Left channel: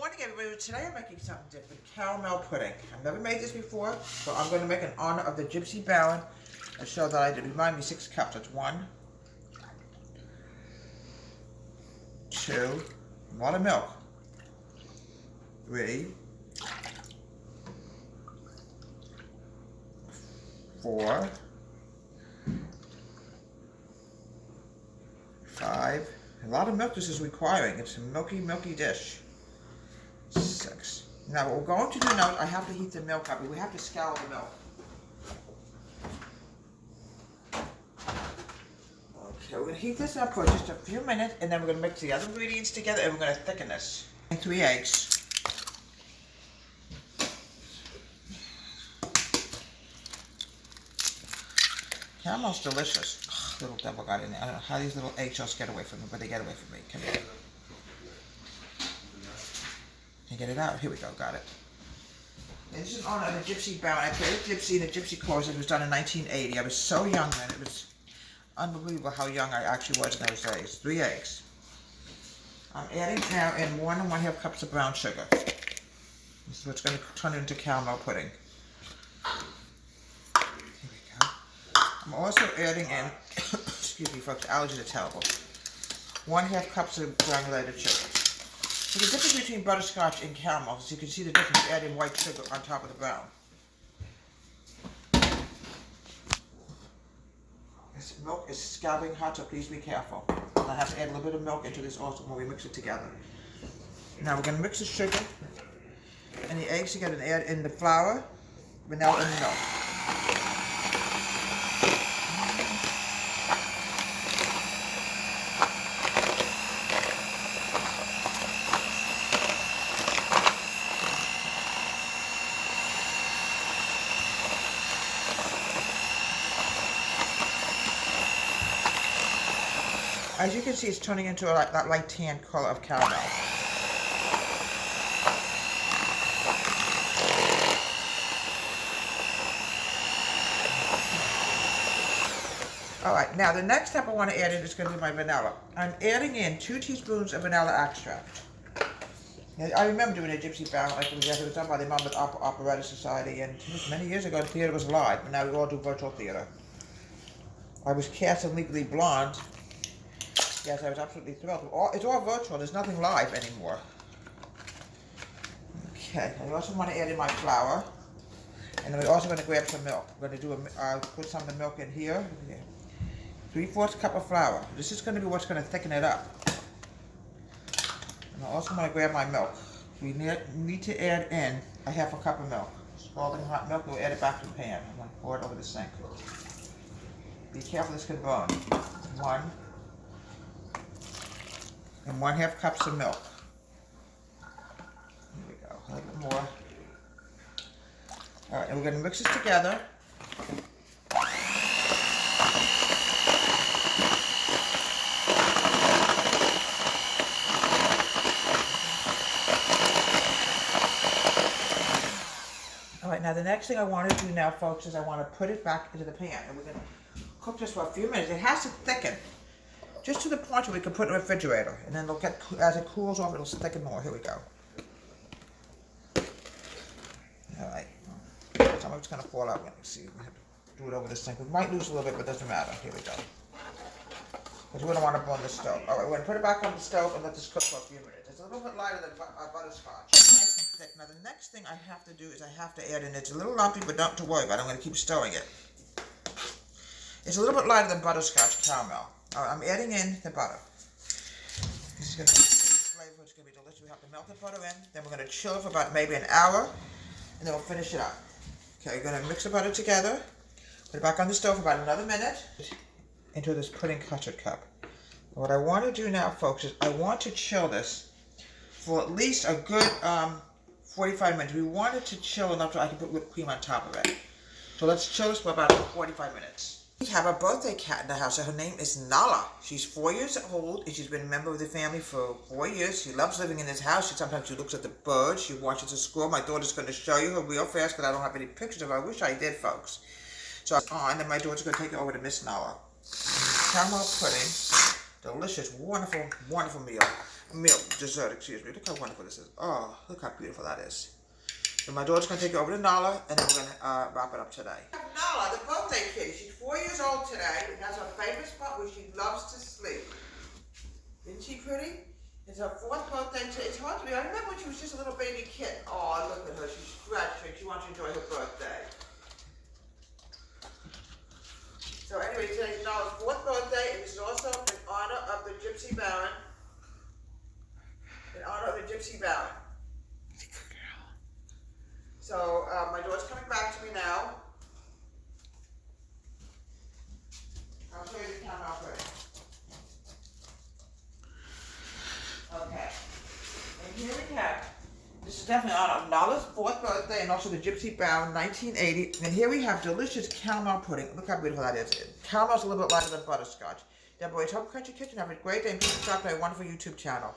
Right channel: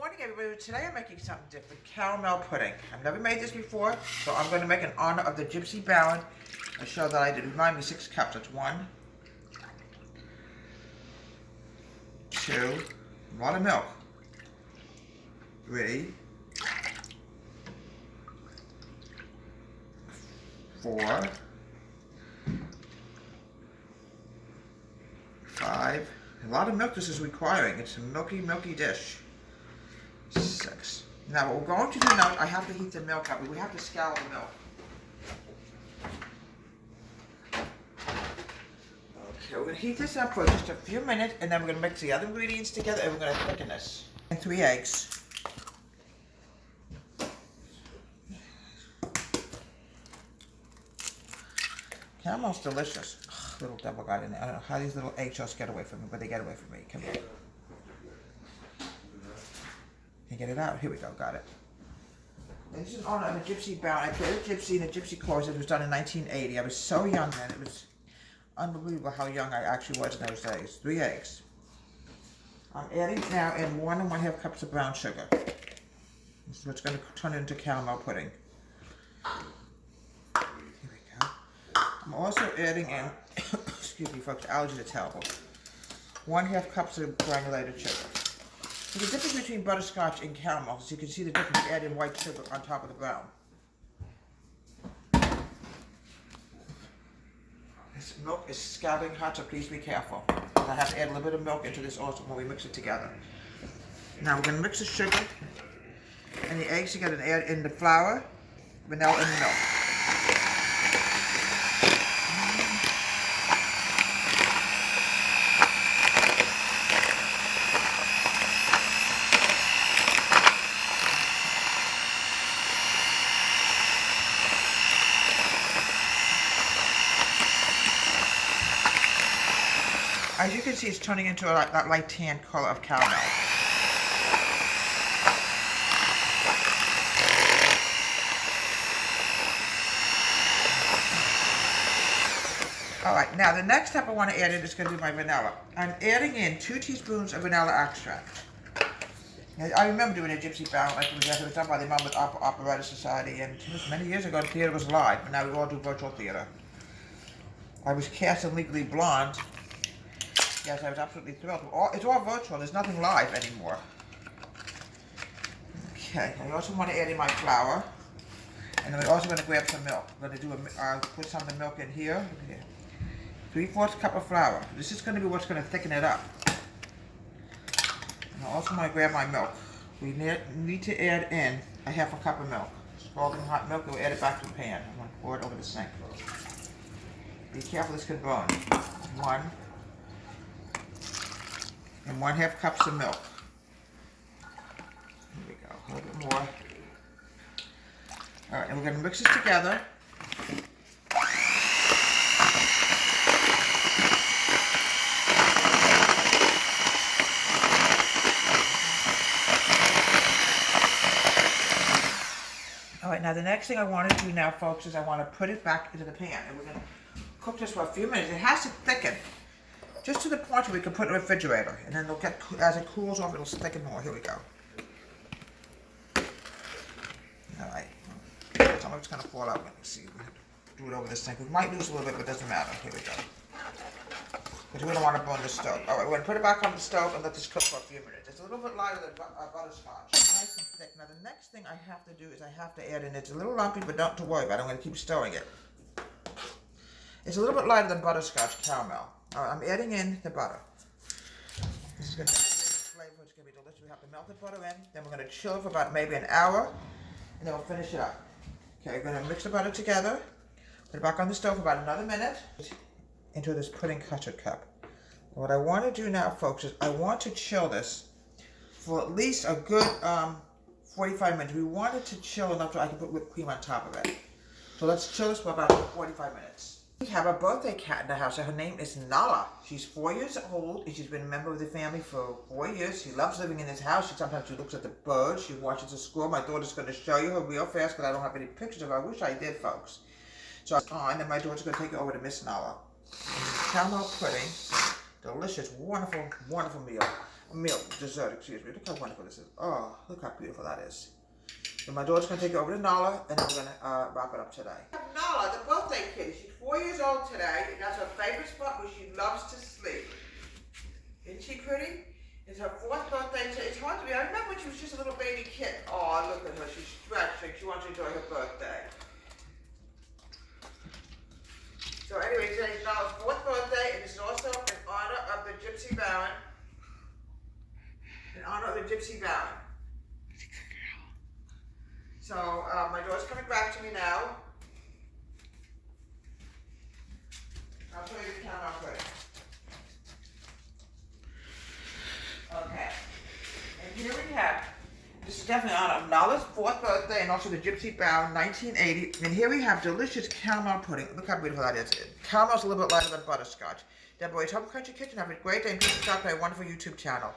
morning, everybody. Today I'm making something different, caramel pudding. I've never made this before, so I'm going to make in honor of the Gypsy Baron. I show that I did. Remind me, 6 cups. That's 1, 2, a lot of milk, 3, 4, 5. A lot of milk this is requiring. It's a milky dish. 6. Now what we're going to do now, I have to heat the milk up. We have to scour the milk. Okay, we're going to heat this up for just a few minutes, and then we're going to mix the other ingredients together, and we're going to thicken this. And 3 eggs. Caramel's delicious. Ugh, little devil got in there. I don't know how these little eggshells get away from me, but they get away from me. Come here. Can you get it out? Here we go, got it. And this is in honor of the Gypsy Baron. I played Gypsy in the Gypsy Chorus. It was done in 1980. I was so young then. It was unbelievable how young I actually was in those days. 3 eggs. I'm adding now in 1 1/2 cups of brown sugar. This is what's going to turn into caramel pudding. Here we go. I'm also adding in, excuse me folks, allergies are terrible, 1/2 cups of granulated sugar. So the difference between butterscotch and caramel is you can see the difference adding white sugar on top of the brown. This milk is scalding hot, so please be careful. And I have to add a little bit of milk into this also when we mix it together. Now we're going to mix the sugar and the eggs together and add in the flour, vanilla, and milk. As you can see, it's turning into that light tan color of caramel. Alright, now the next step I want to add in is going to be my vanilla. I'm adding in 2 teaspoons of vanilla extract. Now, I remember doing a Gypsy Baron like it was done by the Monmouth Operatic Society, and it was many years ago the theater was live, but now we all do virtual theater. I was cast in Legally Blonde. Yes, I was absolutely thrilled. It's all virtual. There's nothing live anymore. Okay, I also want to add in my flour. And then we're also going to grab some milk. We're going to put some of the milk in here. 3/4 cup of flour. This is going to be what's going to thicken it up. And I also want to grab my milk. We need to add in 1/2 cup of milk. Scalding hot milk, we'll add it back to the pan. I'm going to pour it over the sink. Be careful, this can burn. 1 and 1/2 cups of milk. Here we go, a little bit more. All right, and we're going to mix this together. All right, now the next thing I want to do now, folks, is I want to put it back into the pan, and we're going to cook this for a few minutes. It has to thicken. Just to the point where we can put it in the refrigerator, and then it'll get, as it cools off, it'll thicken more. Here we go. All right. Some of it's going to fall out. Let me see. We have to do it over this thing. We might lose a little bit, but it doesn't matter. Here we go. Because we don't want to burn the stove. All right, we're going to put it back on the stove and let this cook for a few minutes. It's a little bit lighter than butterscotch. Nice and thick. Now the next thing I have to do is I have to add in. It's a little lumpy, but don't worry about it. I'm going to keep stirring it. It's a little bit lighter than butterscotch caramel. All right, I'm adding in the butter. This is going to be flavor. It's going to be delicious. We have to melt the butter in. Then we're going to chill it for about maybe an hour, and then we'll finish it up. Okay, we're going to mix the butter together. Put it back on the stove for about another minute into this pudding custard cup. And what I want to do now, folks, is I want to chill this for at least a good 45 minutes. We want it to chill enough so I can put whipped cream on top of it. So let's chill this for about 45 minutes. We have a birthday cat in the house. Her name is Nala. She's 4 years old, and she's been a member of the family for 4 years. She loves living in this house. Sometimes she looks at the birds. She watches the squirrel. My daughter's going to show you her real fast because I don't have any pictures of her. I wish I did, folks. So it's on, and my daughter's going to take it over to Miss Nala. Caramel pudding. Delicious, wonderful, wonderful meal. milk dessert, excuse me. Look how wonderful this is. Oh, look how beautiful that is. And my daughter's gonna take it over to Nala, and then we're gonna wrap it up today. Nala, the birthday kitty. She's 4 years old today, and that's her favorite spot where she loves to sleep. Isn't she pretty? It's her 4th birthday today. It's hard to be. I remember when she was just a little baby kid. Oh, look at her. She's stretching. She wants to enjoy her birthday. So anyway, today's Nala's 4th birthday, and this is also in honor of the Gypsy Baron. In honor of the Gypsy Baron. So my daughter's coming back to me now. I'll show you the camera quick. Okay. And here we have, this is definitely in honor of Nala's 4th birthday and also the Gypsy Baron 1980. And here we have delicious caramel pudding. Look how beautiful that is. Caramel's a little bit lighter than butterscotch. Deborah, hope Country Kitchen. Have a great day and please subscribe to my wonderful YouTube channel.